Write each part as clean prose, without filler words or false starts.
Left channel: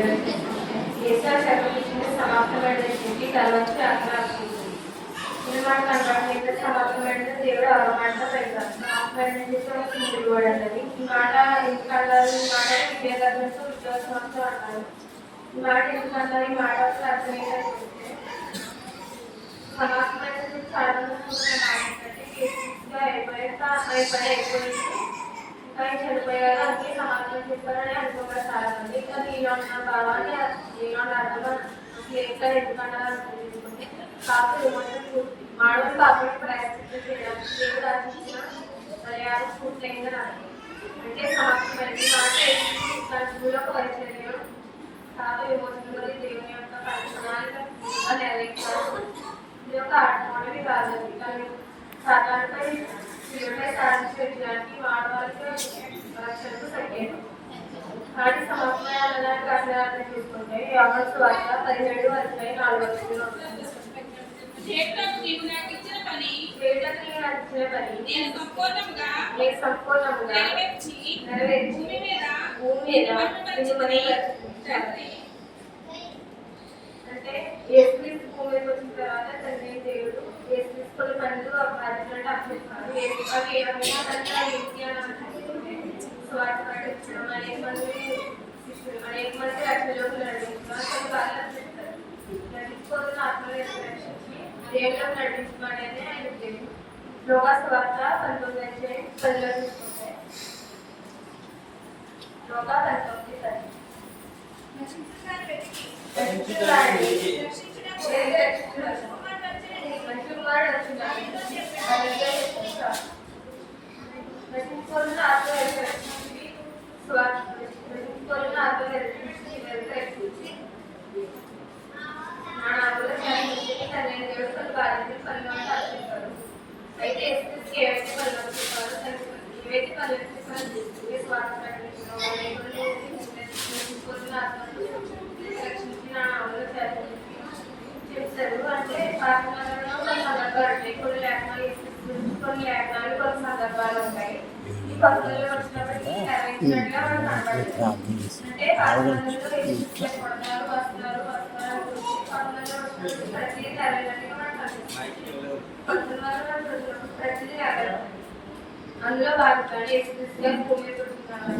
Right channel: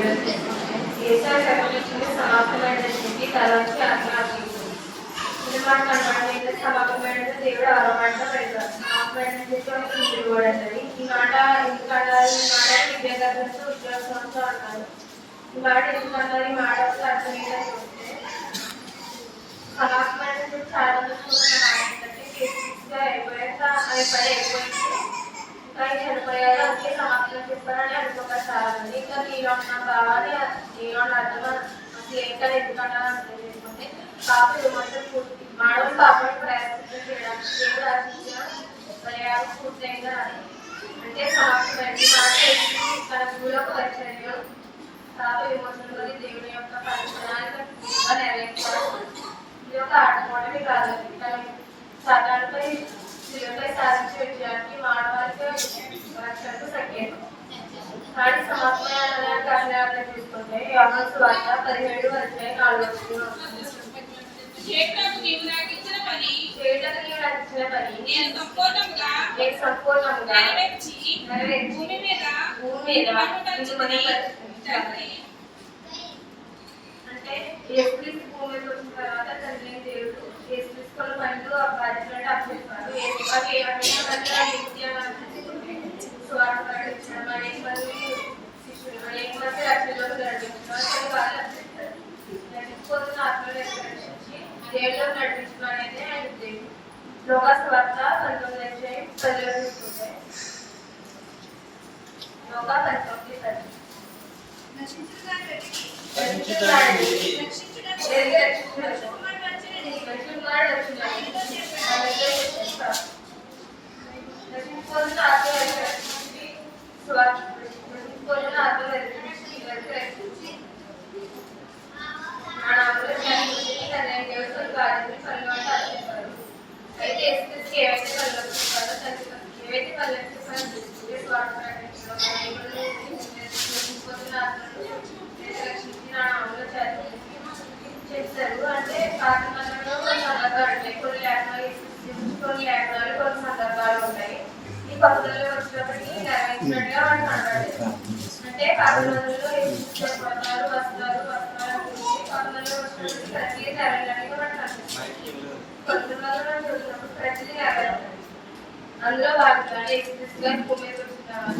కేసీఆర్ సర్వీసుని సమాప్తమైన స్థితి తలవంచి ఆత్మహత్యింది. సినిమా కనబడితే సమాప్తమైన దేవుడు అవమాట పెడతారు. సమాప్తమైన స్థితి తిరుగుబడది. ఈ మాట ఎందుకంటారు? ఈ మాట విద్యార్థులకు ఉద్యోగంతో అంటారు. ఈ మాట ఎందుకంటారు? ఈ మాట వస్తే అర్థం ఏంటంటే సమాప్తమైన స్థితి చాలా మంది ఏంటంటే కేసీగా అయిపోయింది. ఇంకా చనిపోయారు అంటే సమాప్తం చేస్తారని అనుకుంటారు చాలా మంది. ఇంకా నీలో ఉన్నాం కావాలి, నీలో అర్థం ఏంటని ఎందుకన్నా అర్థం చేసుకుంటే కాపు విమర్శలు పూర్తి మానవులు కాపాడు ప్రయత్నం చేయడానికి దేవుడు ఆశించిన పర్యాలు పూర్తయిందని అర్థం. అంటే సమాప్తమైంది మాట తన పూలక పరిచర్యం కాపు విమర్శలు దేవుని యొక్క పరిచయానికి నెరవేర్చడం ఇది ఒక ఆటమోడవి కాదు. సాధారణపై శిలువపై సాధించి పెట్టడానికి మానవాళికి రక్షణకు సంకేతం. వాటి సమాప్తమైన కారణాలను చూసుకుంటే యోహాను సువార్త 17:4 చేయటకు నాకు ఇచ్చిన పని నేను సంపూర్ణంగా నెరవేర్చి భూమి మీద అంటే యేసుక్రీస్తు భూమికి వచ్చిన తర్వాత తండ్రి దేవుడు యేసుక్రీస్తు పనులు బాధ్యతలు అప్పచెప్పారు. అవి స్వార్థ ప్రకటించడం అనేక మంది రక్షణలోకి నడిపించడం నడిచిపోతున్న ఆత్మలు రక్షించి దేవుళ్ళకు నడిపించడం అనేది ఆయన ఉద్దేశం. లోకస్వార్త 19:10 తీసుకుంటే లోక 19:10 అయితే ఏవైతే ఏవైతే చేస్తారు. అంటే పాఠశాలలో కొన్ని సందర్భాలు ఉంటాయి, కొన్ని లేఖనాలు కొన్ని సందర్భాలు ఉంటాయి. ఈ పద్ధతులు వచ్చినప్పటికీ నెరవేర్చినట్టుగా వాళ్ళు కనబడలేదు. అంటే పాఠశాలలో వస్త్రాలు వస్త్రాలు గురించి పద్ధతులు వచ్చినప్పుడు ప్రతిదీ నెరవేరినట్టుగా వాళ్ళు కనిపిస్తుంది. పద్ధతులలో ప్రతిదీ నెరవేరుతుంది. అందులో భాగంగా యేసుక్రీస్తుగా భూమి మీద వచ్చిన తర్వాత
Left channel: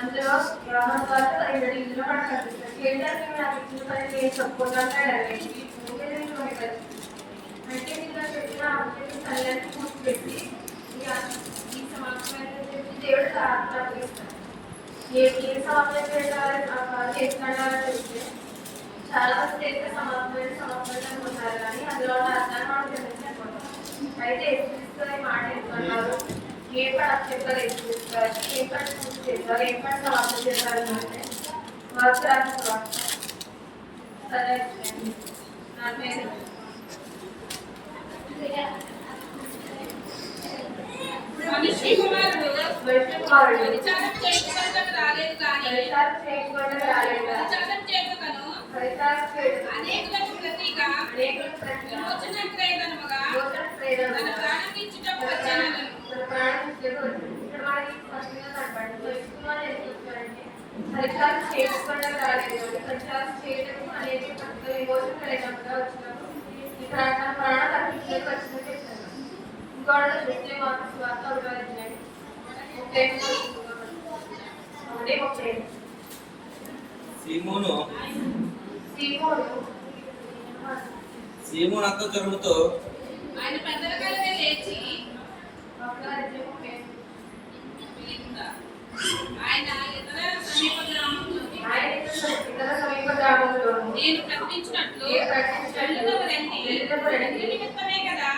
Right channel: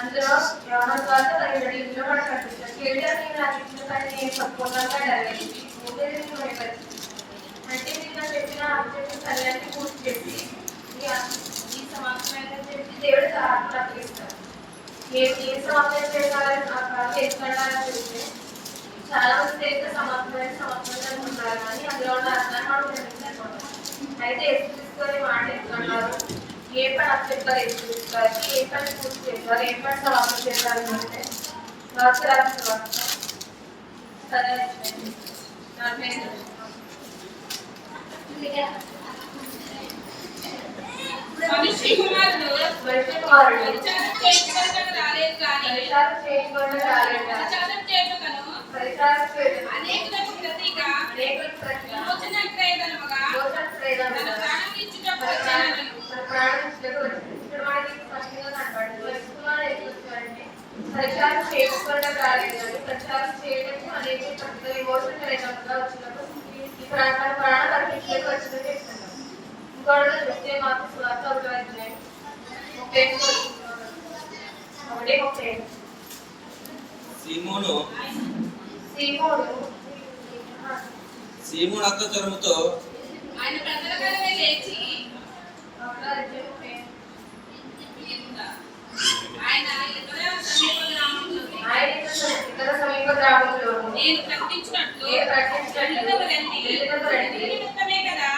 అందులో యోహాను ద్వారా 17 కూడా కనిపిస్తుంది. చేయడానికి నాకు ఇచ్చిన పని నేను సంపూర్ణంగా నెరవేర్చి అంటే నేను చెప్పిన ఆబ్జెక్ట్ పనులన్నీ పూర్తి చేసి ఈ సమాప్తమైన చెప్పి దేవుడు అప్పగిస్తాను. ఏ సమాప్తం చేసుకుంటారో తెలిస్తే చాలా మంది అయితే సమాప్తమైన అనుకుంటారు, కానీ అందులో అర్థాన్ని మనం తెలుసుకుంటాం. అయితే యేసుక్రీస్తు మాట ఎందుకంటారు? ఏ పని అప్పచెప్పారు యేసుక్రీస్తు, ఏ పని పూర్తి చేస్తారు, ఏ పని సమాప్తం చేస్తారు అంటే పరిచారం చేసుకోవడం రాలేదు, కానీ ప్రచారం చేయడం అనేది విమోచన లేకుండా వచ్చినప్పుడు ఈ ప్రాణాలు అన్నింటికి వచ్చినట్టు చెప్తున్నాను. ఇంకోటి చూస్తే మాకు స్వార్థ అవుతుంది. 30 సీమోను అంత జ్వరముతో ఆయన పెద్దల కలవే లేచి ఆయన ఇతర సమీప గ్రామంలో నేను ప్రకటించినట్లు నిమిత్తమే కదా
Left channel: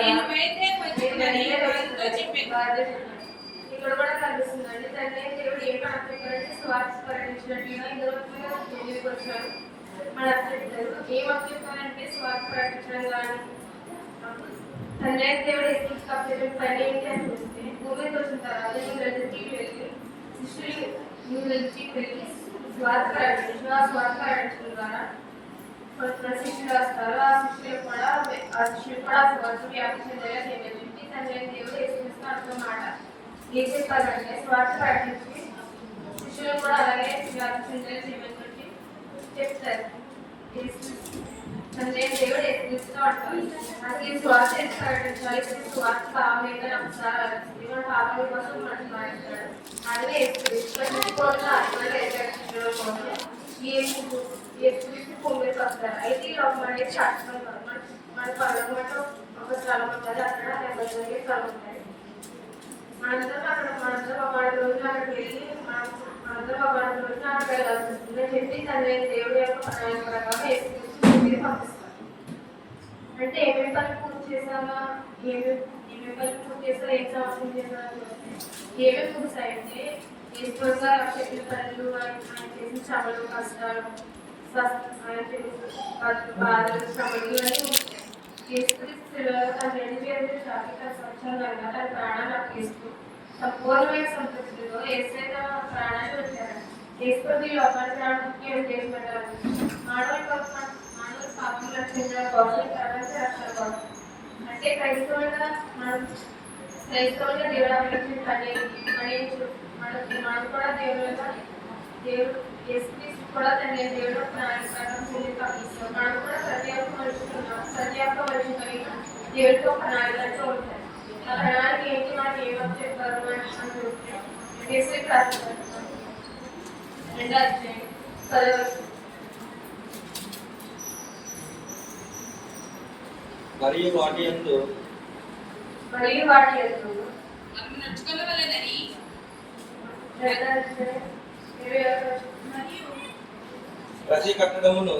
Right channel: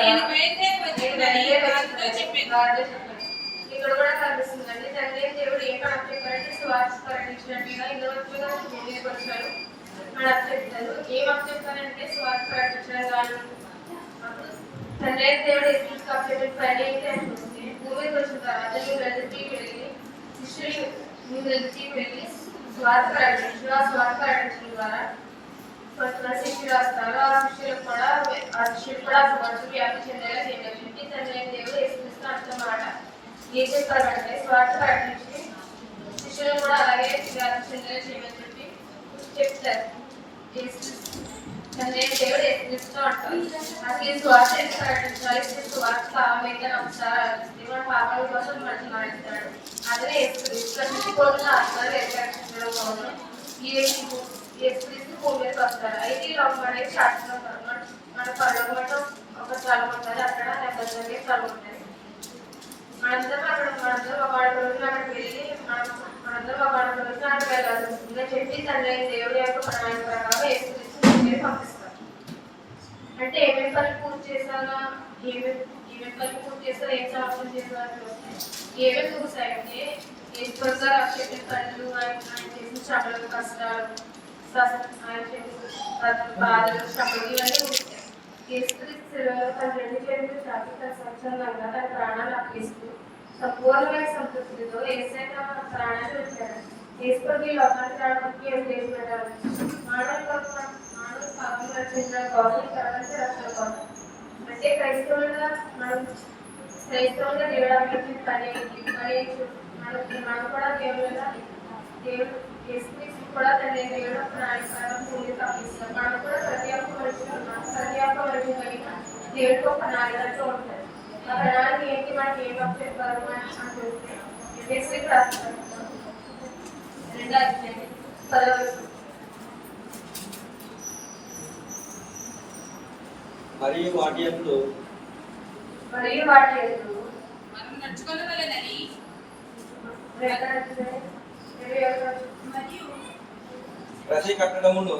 నేను బయలుదేరి వచ్చిందని వారితో చెప్పాను. ఇక్కడ కూడా కనిపిస్తుందండి. తండ్రి దేవుడు ఏ పని అప్పచెప్పారంటే స్వార్థ ప్రకటించినట్టుగా ఇందులో ముందుకు వచ్చాడు అని అప్పచెప్తారు. ఏం అప్పచెప్తారంటే స్వార్థ ప్రకటించడం గాను తండ్రి దేవుడు ఎస్కి అప్పచెప్పిన పని ఏంటి అని చూస్తే భూమికి వచ్చిన తర్వాత నువ్వు వెళ్ళి స్వార్థ ప్రకటించడం ద్వారా కొంతమంది శిష్యులు వస్తారు. ఆ శిష్యులు కూడా సువార్త వ్యాప్తి చెందేలా చేయవచ్చు. తండ్రి అయిన దేవుడు యేసుక్రీస్తు అన్నమాట ఏం చెప్పారంటే స్వార్థ ప్రకటించి శిష్యులు కూడా అలాగే వ్యాప్తి చెందేలా చేయమని చెప్పి చెప్తారు. తండ్రి అయిన దేవుడు యేసుక్రీస్తు అంటారు. అసలు ఈ స్వార్థ ప్రకటించాలి. స్వార్థ కామైతే అంశాలు మన పాపల కోసం మనసు మారుస్తాడు. అదే యేసుక్రీస్తు కోరిన ఆత్మలు ఏర్పరచడం కోసం యేసుక్రీస్తు భూమి మీదకి వస్తారు. అయితే ఈ లోకం అనేది శాశ్వతం కాదు. మన పరలోకం ఒక స్థలం ఉంటుంది. అక్కడ నెమ్మది స్థలం ఉంటుంది. మనందరం ఒక రోజున అక్కడికి వెళ్ళి మనందరం ఒక రోజున అక్కడికి వెళ్ళాల్సి వస్తుంది చెప్పి తండ్రి దేవుడి యొక్క ప్రణాళిక ప్రకారం యేసుక్రీస్తు భూమి మీద పంపిస్తారు. అంటే ఏమేమి పని పూర్తి చేశారా, ఏమేమి పని పూర్తి చేశారా, ఏం సంవత్సరం చేశారా చూస్తే ఏమేమి పూర్తాయంటే యేసుగా చెప్పిన పనులు, ఆయన చేసిన శ్రమలు, కష్టాలు, ఆయన చేసిన బాధలు, శ్రమలు ఇవన్నీ ఉంటాయి. యేసుక్రీస్తు తన 2 చేతులు చాపి తన స్వచ్ఛందంగా తన ప్రాణాన్ని అప్పగిస్తూ సంపూర్ణమైన సంతృప్తితో యేసే తమ ప్రాణాన్ని వచ్చారు. యేసు ఈ లోకానికి రావడానికి ఉద్దేశం పెట్టారు. మానవుల పాపం రక్షించడం కోసం, ప్రపంచ రక్షణ కోసం. అంటే క్రైస్తవులుగా దేవుడు అభివృద్ధి పని మనం కూడా దేవుడు యేసుక్రీస్తు కూడా తండ్రి దేవుడు ప్రాణాన్ని భూమి పంపిస్తాం. మనం కూడా ప్రతి ఒక్క మనిషి కలిగిన దేవుడికి ఒక ప్రణాళికతో ఉంటాయి. ఆ ప్రణాళిక ఏంటి, మనకి ఏ వరకు చెప్పారు అని చూస్తే యేసు రాస్తారు 2వ అధ్యాయం 10వ వచనం. మరియు వాటి యందు మనం నడుచుకొనవలెనని మరియు ప్రతి కట్టడమును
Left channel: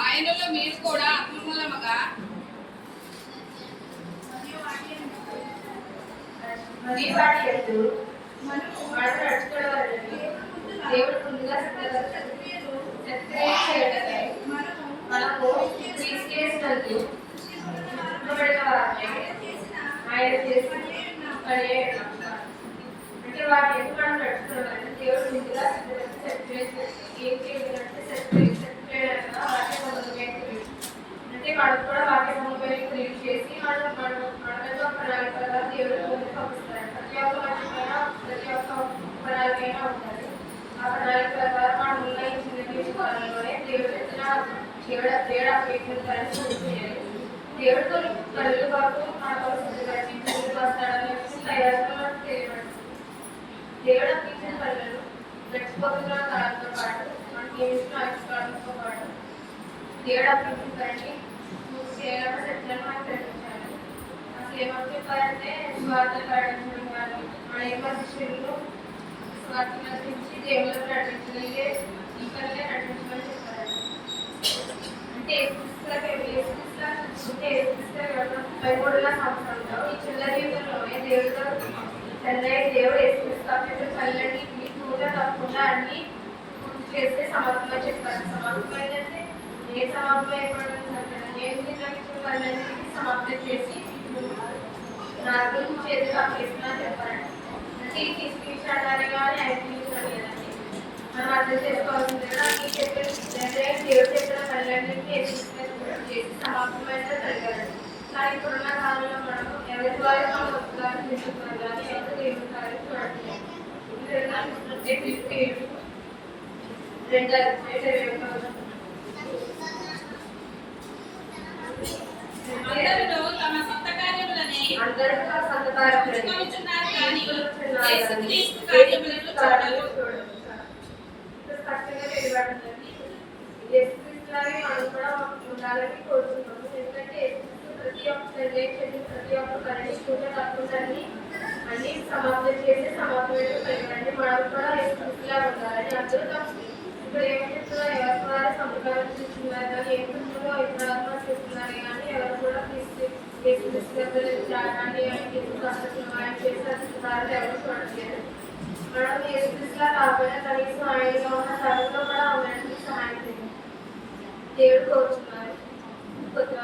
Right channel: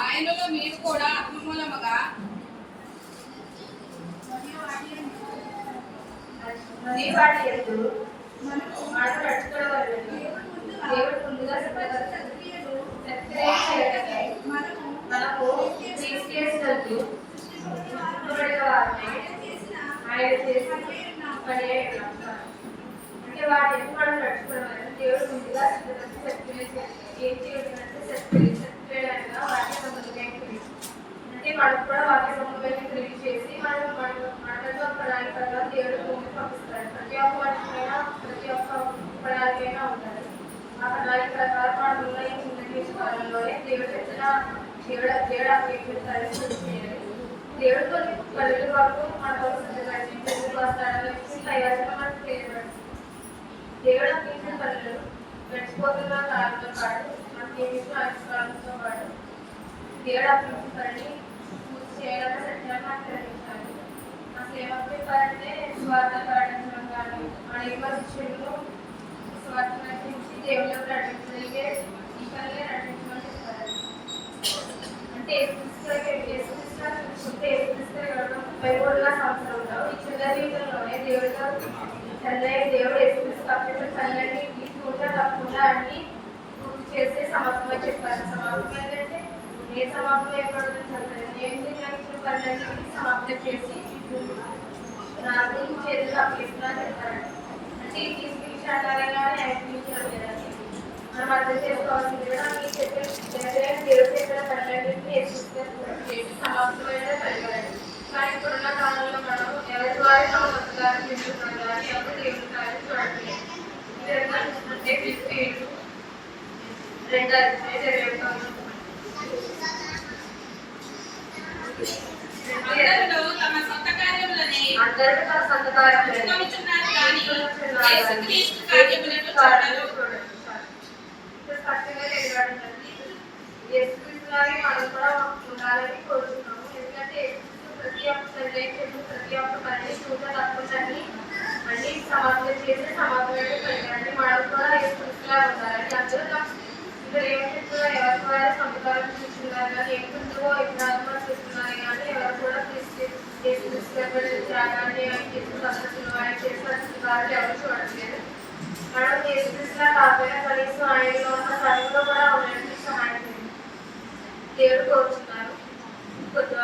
ఆయనలో మీరు కూడా ఆత్మమూలముగా దేవుడు ముందుగా మనము తీసుకేసినందుకు ఆయన చేసిన పని అంటే వాటి ఎందుకు మనం నడుచుకోవాలంటే దేవుడు ముందుగా ఏం చేయాలంటే అంటే మనకు కూడా వాక్య సమన్వయం క్రియేట్ చేసి మనతో ప్రణాళిక ప్రకారం దేవుడు ముందుకు పంపిస్తారు. ప్రతి ఒక్క మనిషికైనా ప్రతి ఒక్క ప్రణాళికైనా ఉంటుంది. ఆ ప్రణాళిక ప్రకారం మనం ఉన్న ఈ చిన్న తీసుకోవాలలోనే దేవుడు చేయాలి. దేవుడు కొన్ని కళ్ళు వరకు మనకు వస్తాడని తయారుగా మనకు తెలియబడుతుంది. దేవుడు అందించిన కళ్ళు గడిచిపోతున్న కాలంతో పాటు మనకి ఆవిష్కారంతో పాటు దేవుడు అందించిన పనిని చేయాలని సత్యాన్ని మనకు తెలిపించాలి. అసలు ఏమని చెప్పారంటే స్వార్థ ప్రకటించడం కానీ అనేక శిష్యులు స్వార్థ నటించి దేవుళ్ళకు నటించగలిగే ఈ పనిగా నటించమని చెప్పారు. అంటే చూసుకుంటే 33 సంవత్సరాలు ఈ చిన్న జీవితంలోనే దేవుడు యేసుక్రీస్తు పనులన్నీ పూజ తప్పకుండా అన్ని పూర్తి చేస్తే సమాప్తంగా చెప్పారు. సమాప్తం ఏంటంటే ఏ సమాప్తం ఏర్పడుతుందంటే నేను నిర్ణయించిన పనులన్నింటినీ సమాప్తం చేసి నాకు చేతులు అప్పగిస్తున్నా చెప్పారండి. అంటే ఈ తీసుకుని కానీ ఐపించడం లేదండి. మనం అర్థం చేసుకోవాల్సింది దేవుడు చేసిన పనులన్నింటినీ చేసి సమాప్తమైన కలిగారండి. కానీ ఇప్పుడున్న కాలంలో మనం ఎవరి ద్వారా గారు తీసుకున్నాం కానీ ఎవరు దేవుడి గారు చూడట్లేదు. ఈ విధంగా చూసుకుంటే ఫిలిప్పీయులు 2వ అధ్యాయం అందరూ తమ సొంత కార్యములని నడుచుకొనుచున్నారు కానీ యేసుక్రీస్తు కార్యములను చూడరు. స్పష్టంగా తెలియబడుతుంది. యేసుక్రీస్తులాగే మనం కూడా ఉండాలని కోరుకుంటున్నాము. ఎందుకంటే ప్రతి ఒక్క పనిని పూజ తప్పకుండా అన్ని సమాప్తం చేసి సమాప్తమైన కలిగారండి. మనం కూడా యేసుక్రీస్తులాగా ఉండాలని అందరూ ఇక్కడ ఏం చెప్తున్నారు, ఎవరి ద్వారా సంతకాలు చూస్తున్నారు కానీ ఏం చెప్తుందో ఇప్పుడు చూస్తున్నారు కానీ ఎవరు కూడా త్యాగాన్ని ఆయన చేసిన పద్ధతులు ఆయన చేసిన పుస్తకాలు ఎవరు చూడట్లేదు. మనం యేసుక్రీస్తులా కాకపోయినా కనీసం ఆయనలో ఉన్న చదువులో కూడా ఉండడానికి సహాయం చేయండి. దేవుడు కోరుతున్నారు. కొద్ది